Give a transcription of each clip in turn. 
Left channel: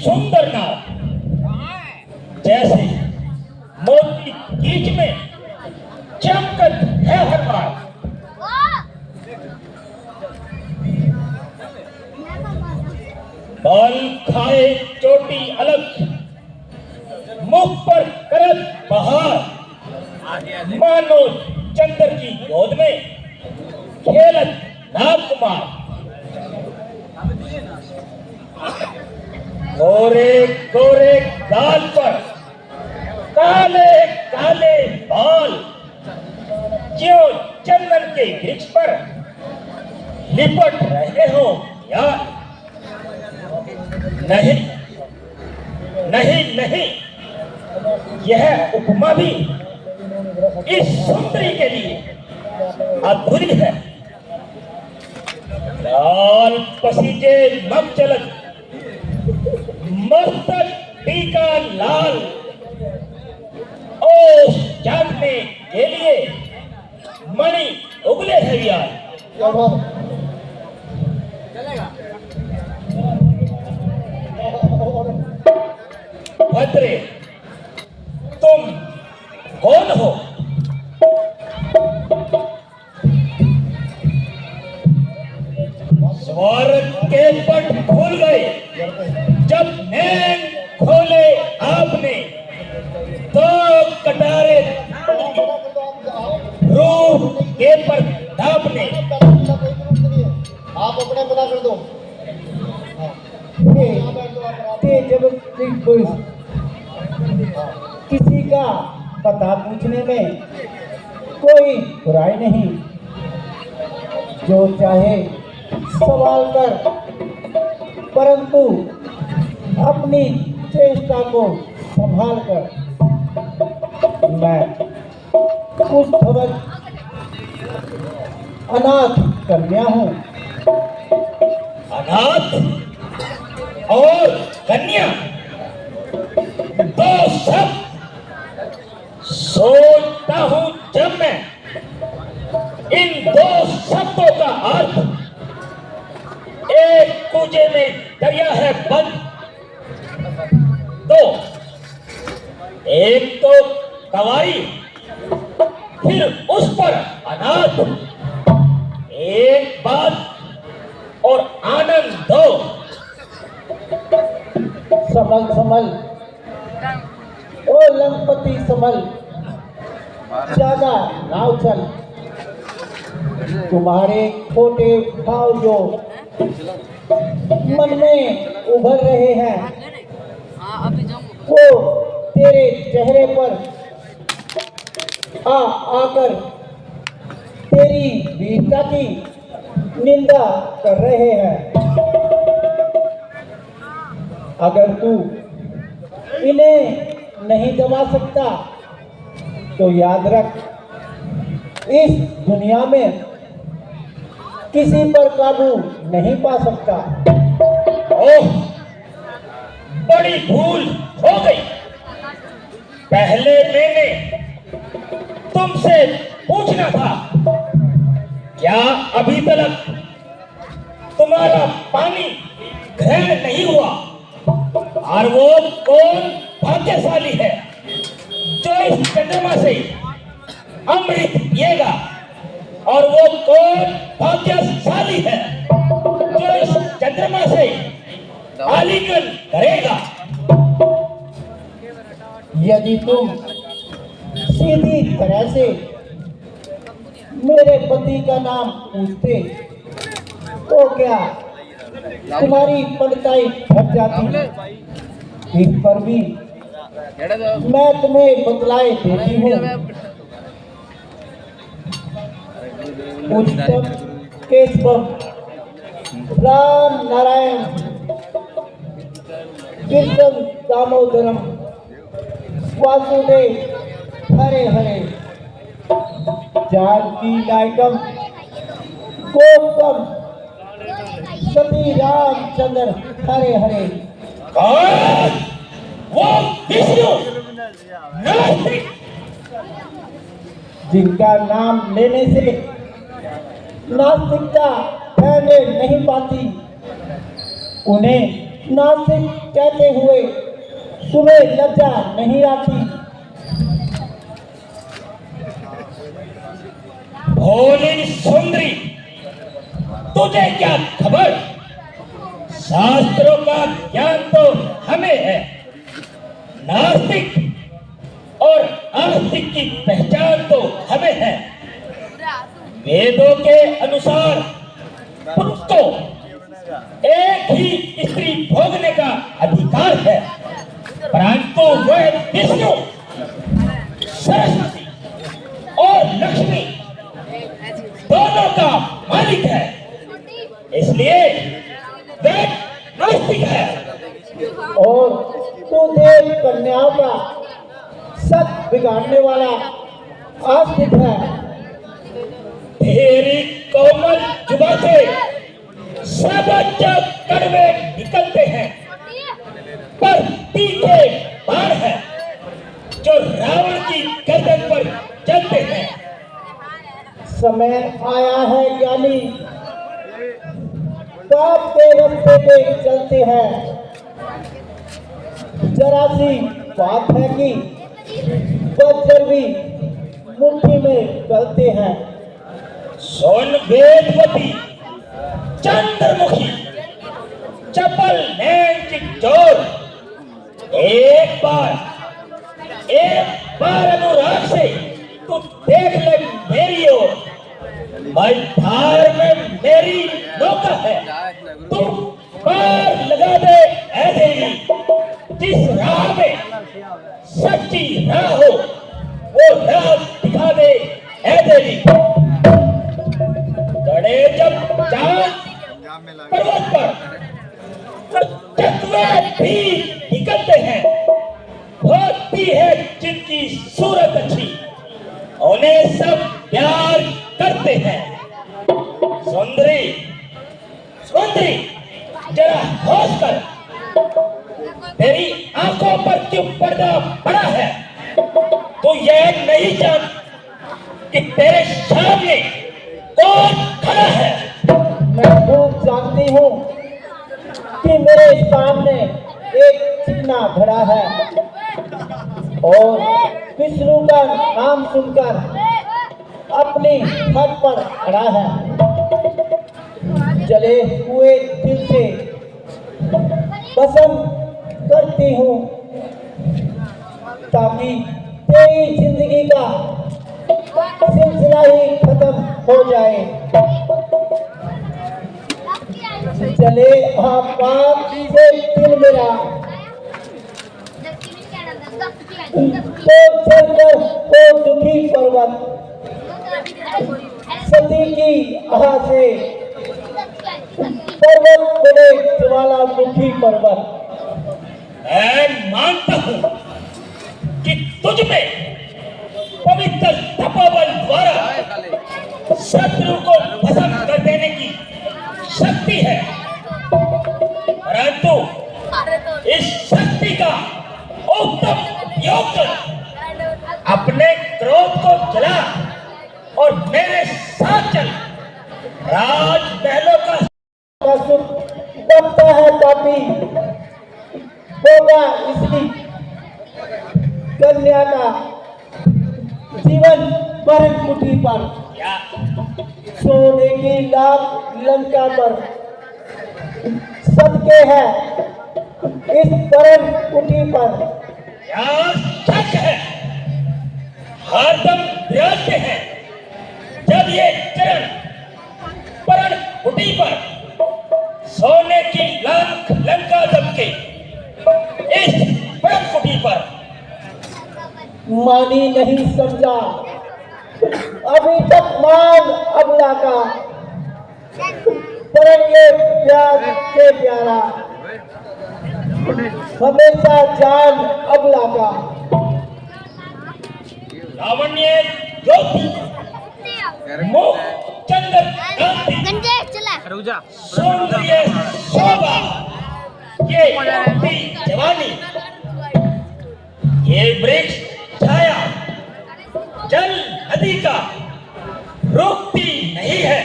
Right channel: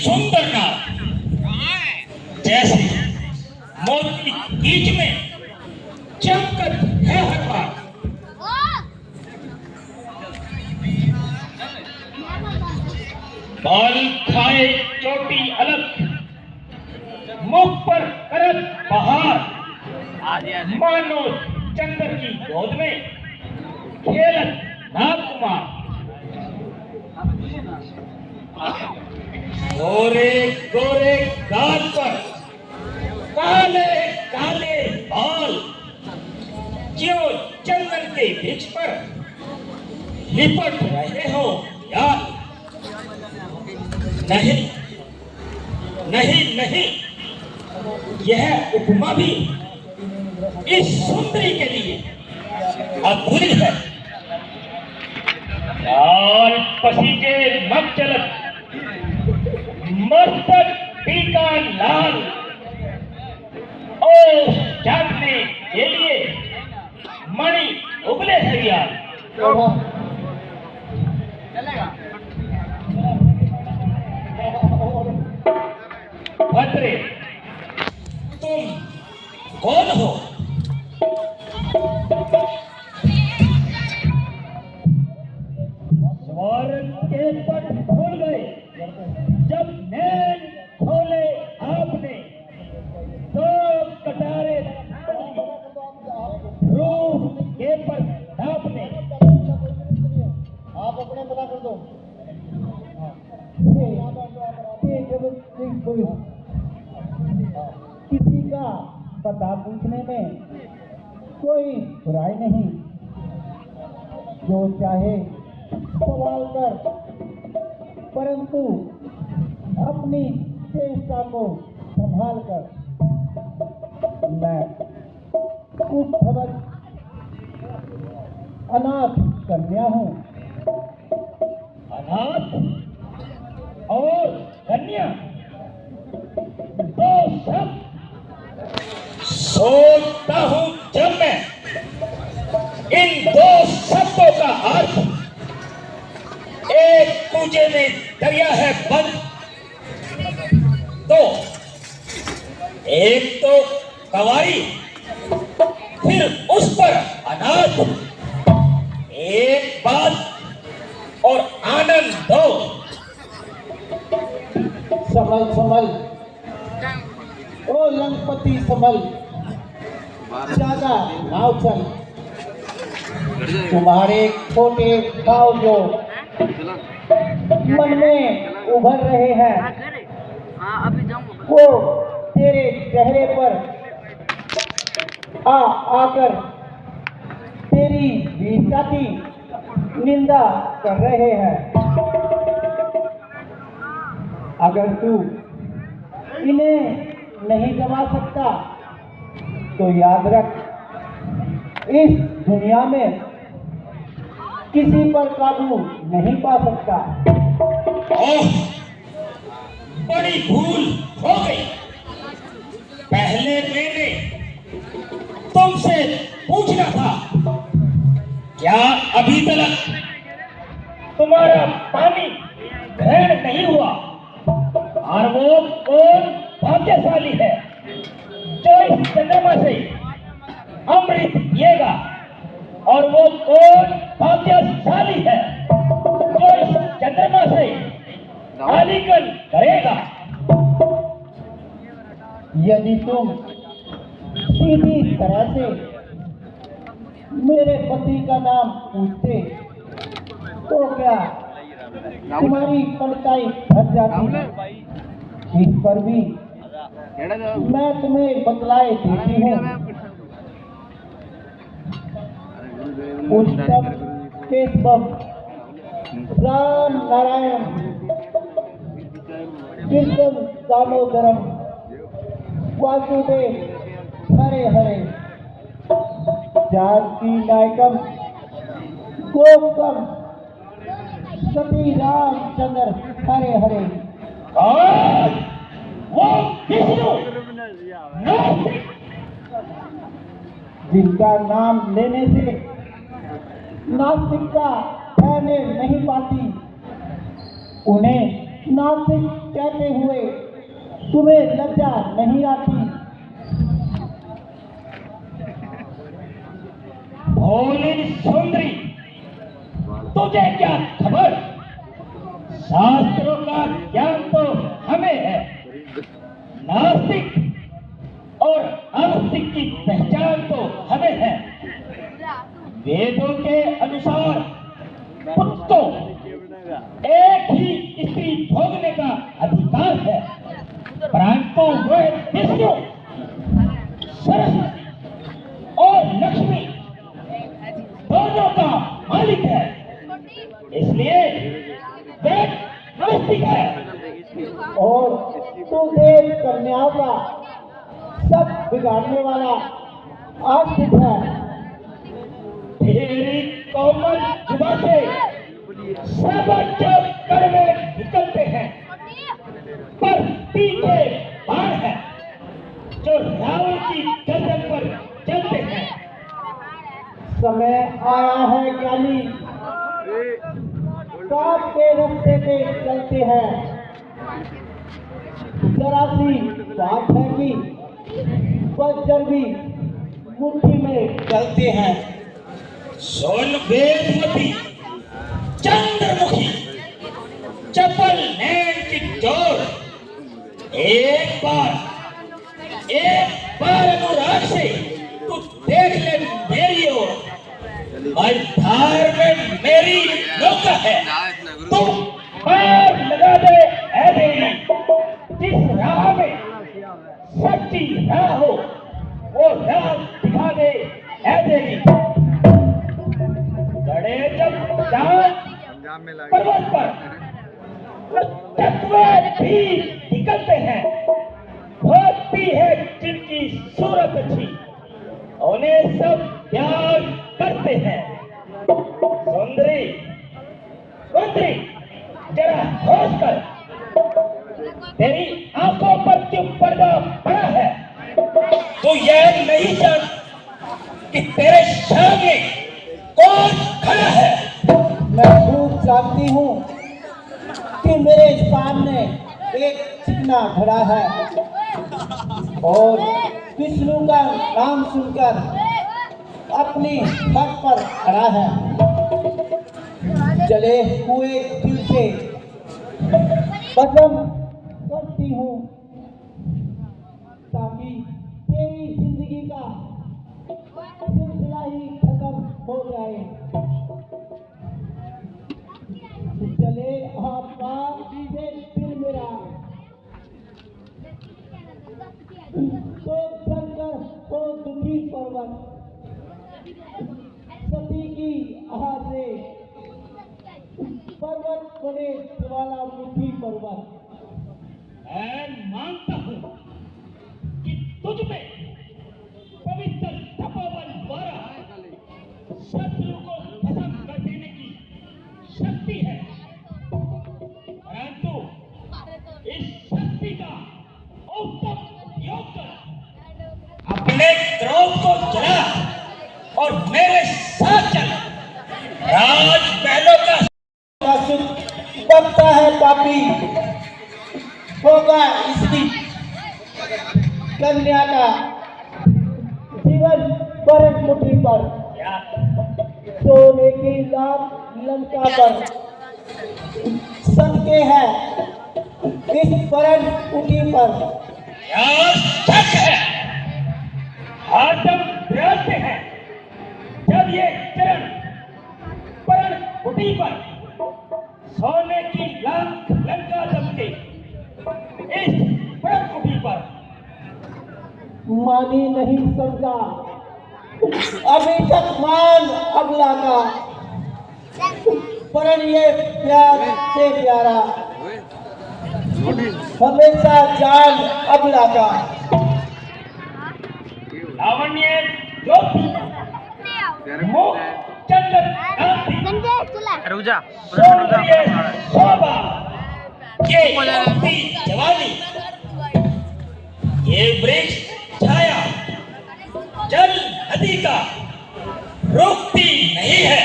सुंदर नाव जैसे मोती बीच में चमकत है हर बार। बाल खाए चोटी अलग, मुख पर करत बहार, मानो चंद्र की गोद में खेलत नागकुमार। गोरे गोरे गाल पर काले काले बाल, ज्यों चंदन के वृक्ष पर लिपट रहे हो यार। नहीं नहीं नहीं, यह उपमा भी इस सुंदरी के लिए अधूरी है। लाल पसीजे मत चलत, मस्तक टीका लाल, ओस जानने के लिए मणि उगले है यार। भद्रे, तुम कौन हो? स्वर्ग के पट खुल गए जब नैन खोले आपने, तो कटारे रूप के पर आपने। आप अपने बना कर दो। किसी का पता पूछने में कोई बुराई नहीं, जो चाहे सवाल कर, परंतु अपनी चेष्टा को संभाल कर। मैं कुछ खबर अनाथ कन्या हूँ। अनाथ और कन्या दो सब सोचता हूं जब मैं इन दो शब्दों का अर्थ। एक पूजे में दरिया है बंद, दो एक तो कवारी, फिर उस पर अनाथ। एक बात और आनंद दो। संभल संभल ओ लंपति संभल, ज्यादा नाव चल। तुम्हारे छोटे भाव जो मन में उभर रहे हैं, वो तेरे चेहरे पर आकर तेरी वीरता की निंदा कर रहे हैं। अगर तू इन्हें नहीं दबा सकता तो याद रख, इस दुनिया में किसी पर काबू नहीं पा सकता। ओह, बड़ी भूल हो गई। पहले मैंने तुमसे पूछना था, क्या अभी तक तुम्हारा पानी ग्रहण नहीं हुआ? और वो कौन भाग्यशाली है जो इस चंद्रमा से अमृत पिएगा? और वो कौन भाग्यशाली है जो इस चंद्रमा से आलिंगन करेगा। यदि तुम सीधी तरह से मेरे पति का नाम पूछते तो क्या तुम्हारी पड़ताई घट जाती। इस पर भी मैं तुम्हें बतलाए देती हूँ। उच्चतम केशव राम नारायण कृष्ण दामोदरम वासुदेव हरे हरे जानकी नायकम गोपम सती रामचंद्र हरे हरे। कौन? वो विष्णु नास्तिक। जिनका नाम लेने से नास्तिकता फैलने नहीं पाती, उन्हें नास्तिक कहते हुए तुम्हें लज्जा नहीं आती। भोली सुंदरी, तुझे क्या खबर? शास्त्रों का ज्ञान तो हमें है। नास्तिक और आस्तिक की पहचान तो हमें है। वेदों के अनुसार पुरुष को एक ही स्त्री भोगने का अधिकार है, परंतु वह विष्णु, सरस्वती और लक्ष्मी दोनों का मालिक है, इसलिए वह नास्तिक है। और तू देव कन्याओं का सत बिगाड़ने वाला आस्तिक है। तेरी कोमल जुबान से सर्वोच्च कड़वे निकलते हैं, पर तीखे बाण है जो रावण की गर्दन पर चलते हैं। समय आया है ज्ञानी, पाप के रास्ते पे चलते हैं। जरा सी बात है कि वज्र भी मुट्ठी में चलते हैं। सोन वेदवती, चंद्रमुखी, चपल नैन की चोर, एक बार अनुराग से तू देख ले मेरी ओर। मझधार में मेरी नौका है, तू पार लगा दे ऐ देवी। जिस राह में सच्ची राह हो वो राह दिखा दे ऐ देवी। गड़े जब चांद पर्वत पर चकवे भी निकलते हैं, होती है जिनकी सूरत अच्छी, उन्हें सब प्यार करते हैं। सुंदरी सुंदरी, जरा होश कर, तेरी आंखों पर क्यों पर्दा पड़ा है? तो यह नहीं जान कि तेरे सामने कौन खड़ा है? मैं खूब जानती हूँ कि मेरे सामने एक चिकना खड़ा है और विष्णु का नाम सुनकर अपनी हट पर खड़ा है। जले हुए दिल से पसंद करती हूँ ताकि तेरी जिंदगी का सिलसिला ही खत्म हो जाए। चले आपात से दिल मेरा तो चलकर हो दुखी पर्वत, सती की आह से पर्वत बने ज्वालामुखी पर्वत। मैं मानता हूं कि तुझ में पवित्र तपोबल द्वारा शत्रु को भस्म कर देने की शक्ति है, परंतु इस शक्ति का उत्तम योग अपने क्रोध को जला और मेरे साथ चल। राजमहलों का सुख बनता है पापी, होगा इसकी कन्या का जीवन परम कुटी पर, क्या सोने की लाख लंका पर सदके है इस परम कुटी पर यहाँ शक है, हरदम विराजते हैं। जब ये चरण परण कुटी पर सोने की लाख लंका दमके, इस परण कुटी पर मानी नहीं समझा अभी तक मान अबला का, पर ये प्यार से प्यारा हमेशा जान अबला का। लावण्य ज्योति मुख चंदन कांति रुक जा सौंदर्य शोभा ये होती जवानी, ये वृक्ष छाया जल नदी का रुकती नहीं है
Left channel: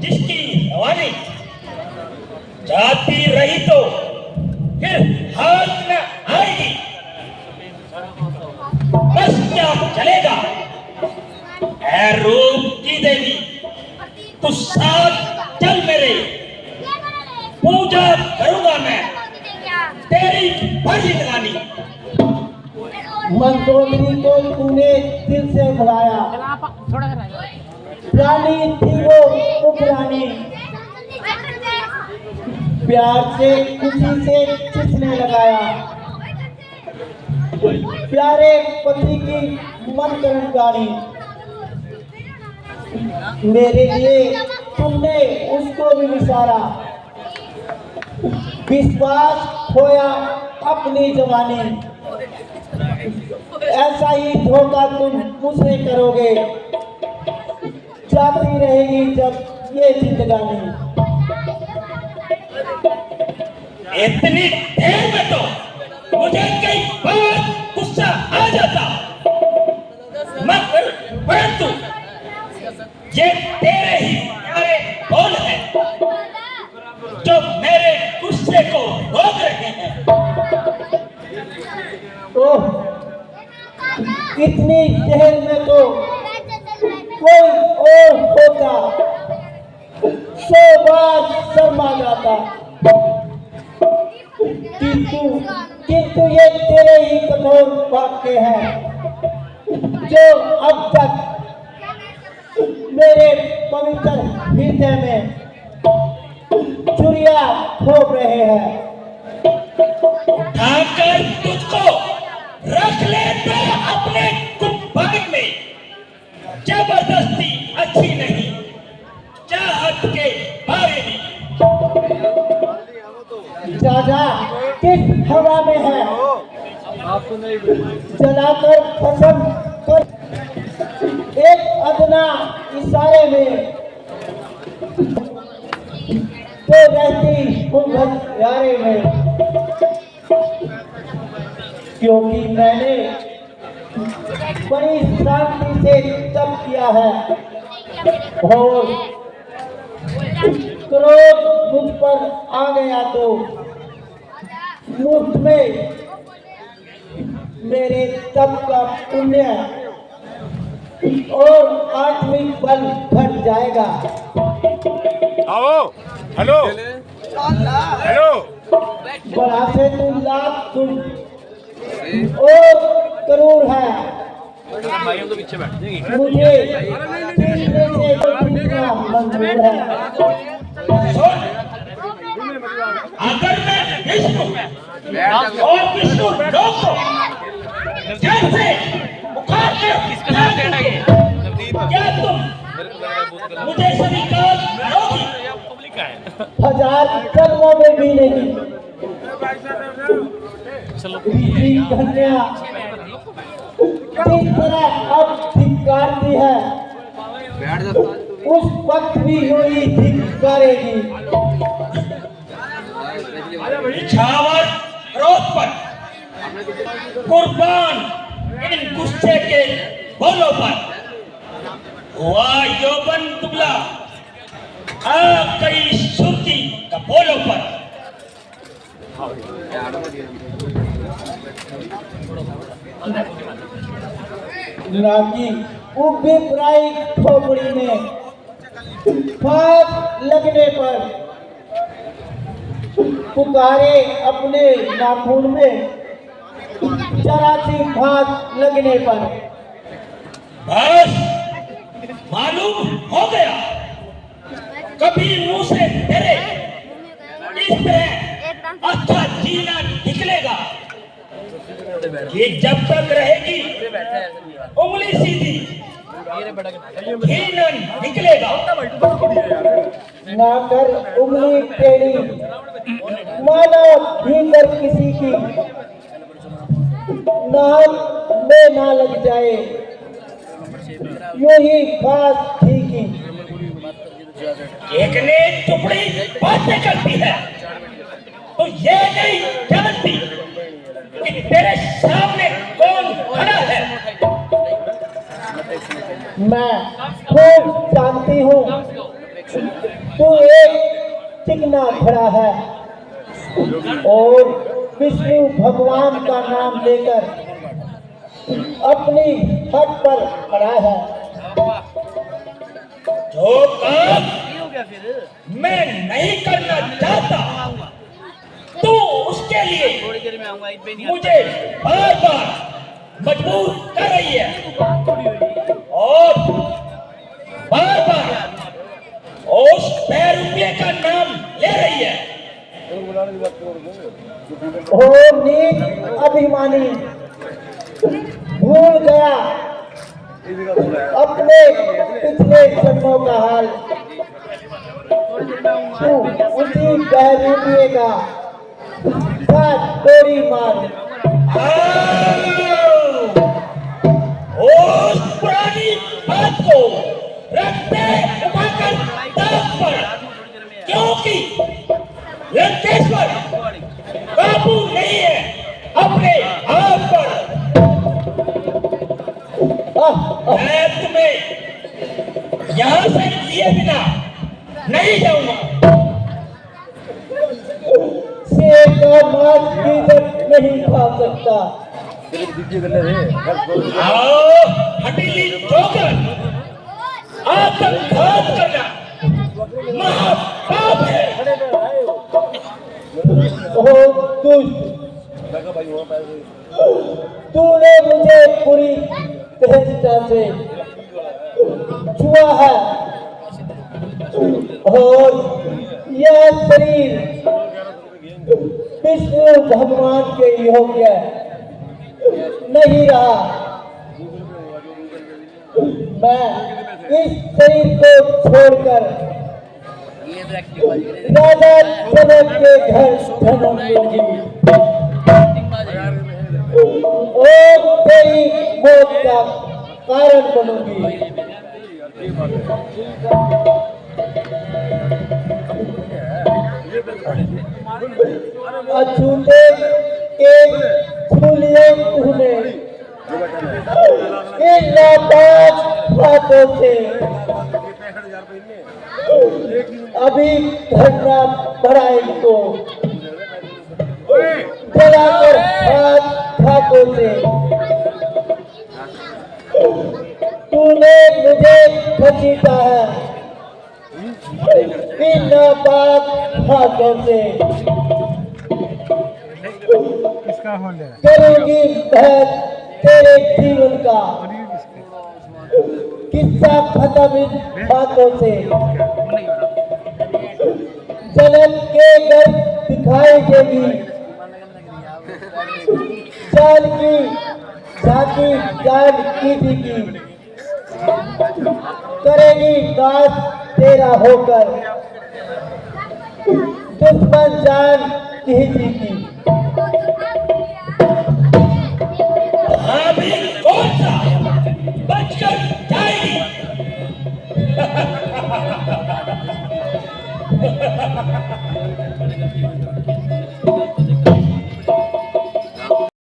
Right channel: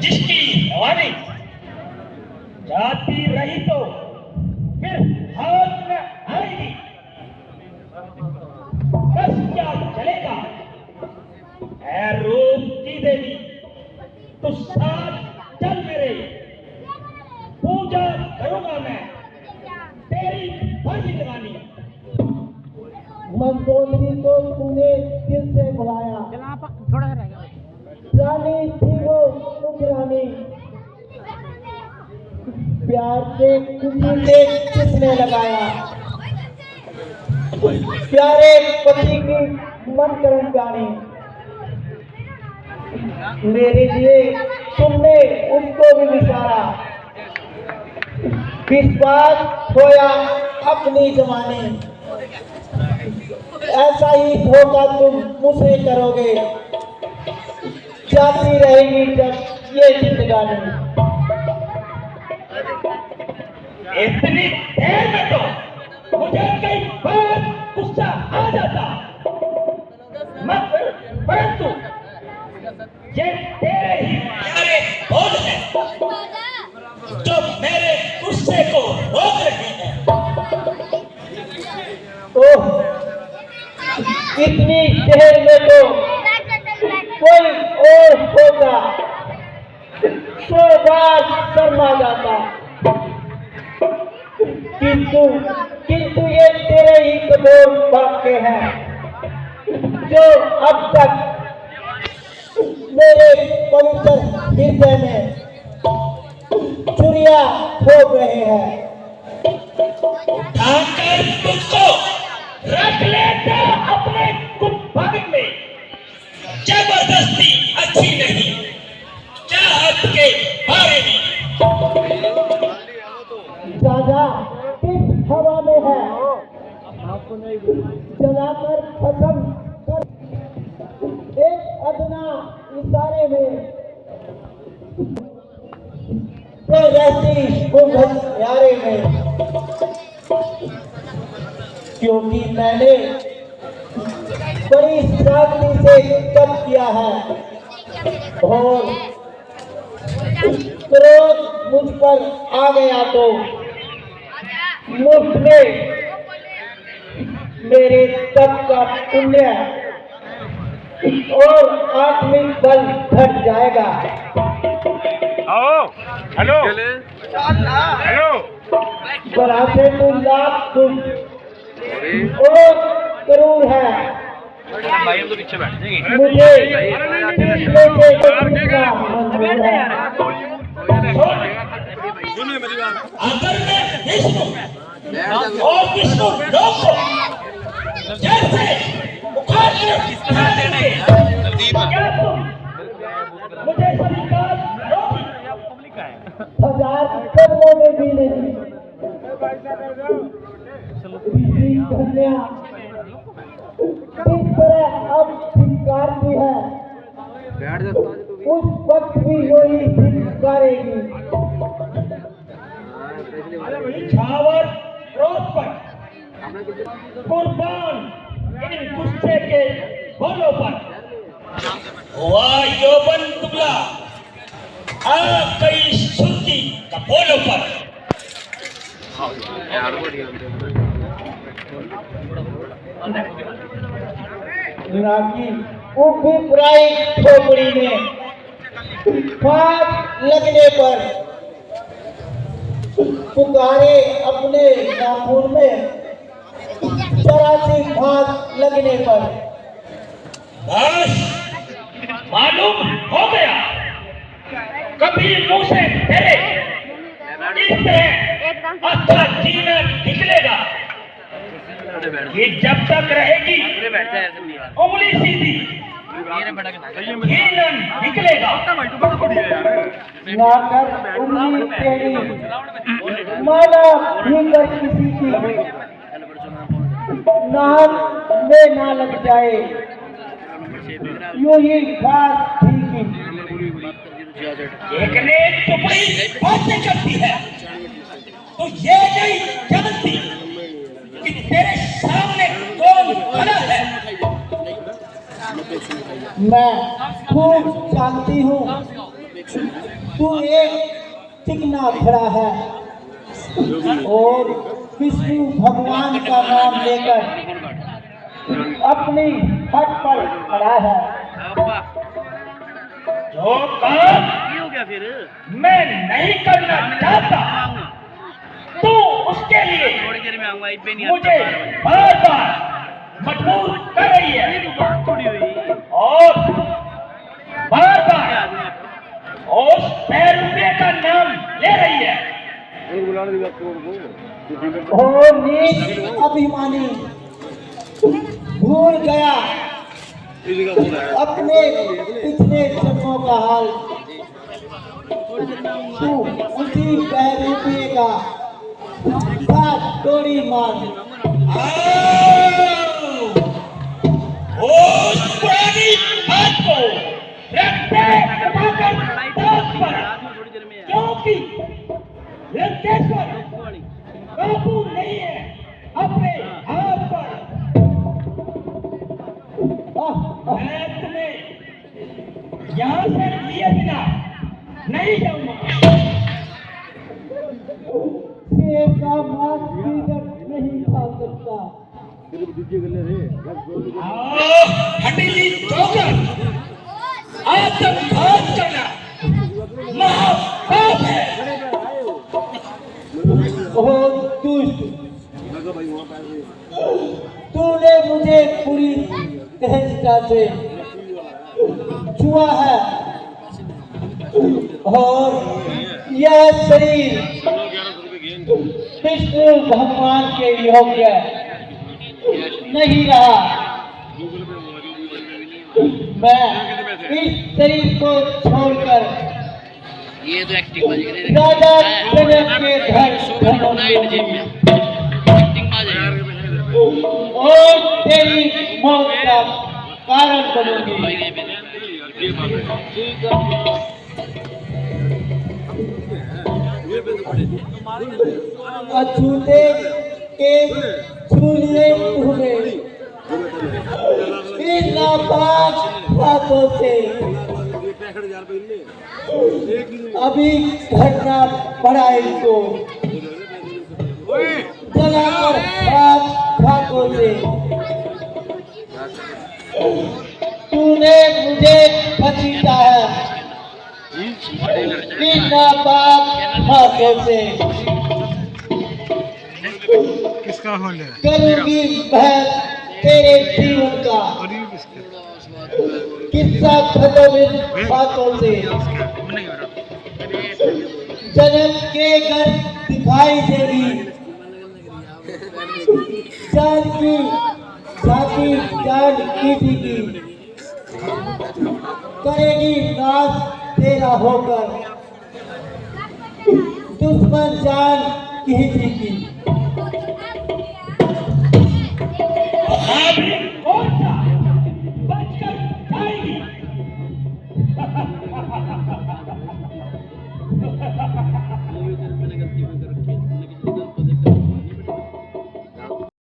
जिसकी रवानी, जाती रही तो फिर हाथ में आएगी, बस क्या चलेगा ऐ रूप की देवी, तू साथ चल मेरे, पूजा करूंगा मैं तेरी भजी दीवानी। मंदोदरी को तूने दिल से बुलाया, थोड़ा सा रह गया। रानी थी वो उपरानी, प्यार से खुशी से किसने लगाया, प्यारे पति की मन कर्मचारी, मेरे लिए तुमने उसको भी विसारा, विश्वास खोया अपनी जवानी, ऐसा ही धोखा तुम मुझसे करोगे, जाती रहेगी जब ये जिंदगानी। इतनी देर में तो मुझे कई बार गुस्सा आ जाता, मगर परंतु ये तेरे ही प्यारे बोल हैं जो मेरे गुस्से को रोक रहे हैं। ओह, इतनी देर में तो कोई और होता, 100 बार शर्मा जाता, किंतु ये तेरे ही कठोर वाक्य हैं जो अब तक मेरे पवित्र हृदय में चुरिया हो रहे हैं। उठाकर तुझको रख लेता अपने गुब्बारे में, जबरदस्ती अच्छी नहीं चाहत के बारे में। जा किस हवा में है, जलाकर खत्म कर, एक अदना इशारे में तो रहती वो घसियारे में, क्योंकि मैंने बड़ी सादगी से तप किया है और क्रोध मुझ पर आ गया तो मुफ्त में मेरे तप का पुण्य और आत्मिक बल घट जाएगा। आओ, हेलो हेलो, बड़ा से तू लाख तुम और करूर है, भाई हम तो पीछे बैठ जाएंगे। मुझे पीछे से टूटना मंजूर है। अगर मैं विष्णु और विष्णु लोक को जैसे उखाड़ कर खा देंगे, क्या तुम मुझे स्वीकार करोगी? 1000 कदमों में भी नहीं, ऋषि कन्या किस तरह अब धिक्कारती है, उस वक्त भी यूं ही धिक्कारेगी। छावर क्रोध पर कुर्बान इन गुस्से के बोलों पर, हुआ यौवन दुबला आ गई सुर्ती कपोलों पर। लागी उभी प्राई खोपड़ी में फाक लगने पर पुकारे अपने नाखून में जरा सी घास लगने पर। बस मालूम हो गया, कभी मुंह से तेरे इस तरह अच्छा जीना निकलेगा कि जब तक रहेगी उंगली सीधी घी न निकलेगा। ना कर उंगली टेढ़ी, माना भीतर किसी की नाक में ना लग जाए, यूं ही घास ठीकी। एक ने टुकड़ी बातें करती है तो ये नहीं जानती कि तेरे सामने कौन खड़ा है। मैं खूब जानती हूँ तू एक चिकना खड़ा है और विष्णु भगवान का नाम लेकर अपनी हट पर खड़ा है। जो काम मैं नहीं करना चाहता तो उसके लिए मुझे बार बार मजबूर कर रही है और बार बार उस 100 रुपये का नाम ले रही है। ओ नीच अभिमानी, भूल गया अपने पिछले जन्मों का हाल। तू उसी 100 रुपये का तोड़ी मार। उस पुरानी बात को रखते उठाकर ताक पर, क्योंकि लंकेश्वर काबू नहीं है अपने आप पर। मैं तुम्हें यहाँ से लिए बिना नहीं जाऊंगा। शेर का मांस भी नहीं खा सकता। आओ हटीली ठोकर, आत्मघात करना महापाप है। ओ दुष्ट, तूने मुझे पूरी सहजता से छुआ है और यह शरीर विष्णु भगवान के योग्य नहीं रहा। मैं इस शरीर को छोड़कर ये तो एक्टिंग बाजी करे राजा जनक के घर और तेरी मौत का कारण बनूंगी। अछूते के छू लिए तूने इन नापाक हाथों से, अभी घटना पड़ा इनको जलाकर हाथ हाथों से। तूने मुझे घसीटा है इन नापाक हाथों से। किसका होल्ड है? करूंगी बहस तेरे जीवन का किस्सा खत्म इन बातों से। जनक के घर दिखाई देगी जान की झांकी, जान किसी की करेगी नाश तेरा होकर, दुश्मन जान किसी की।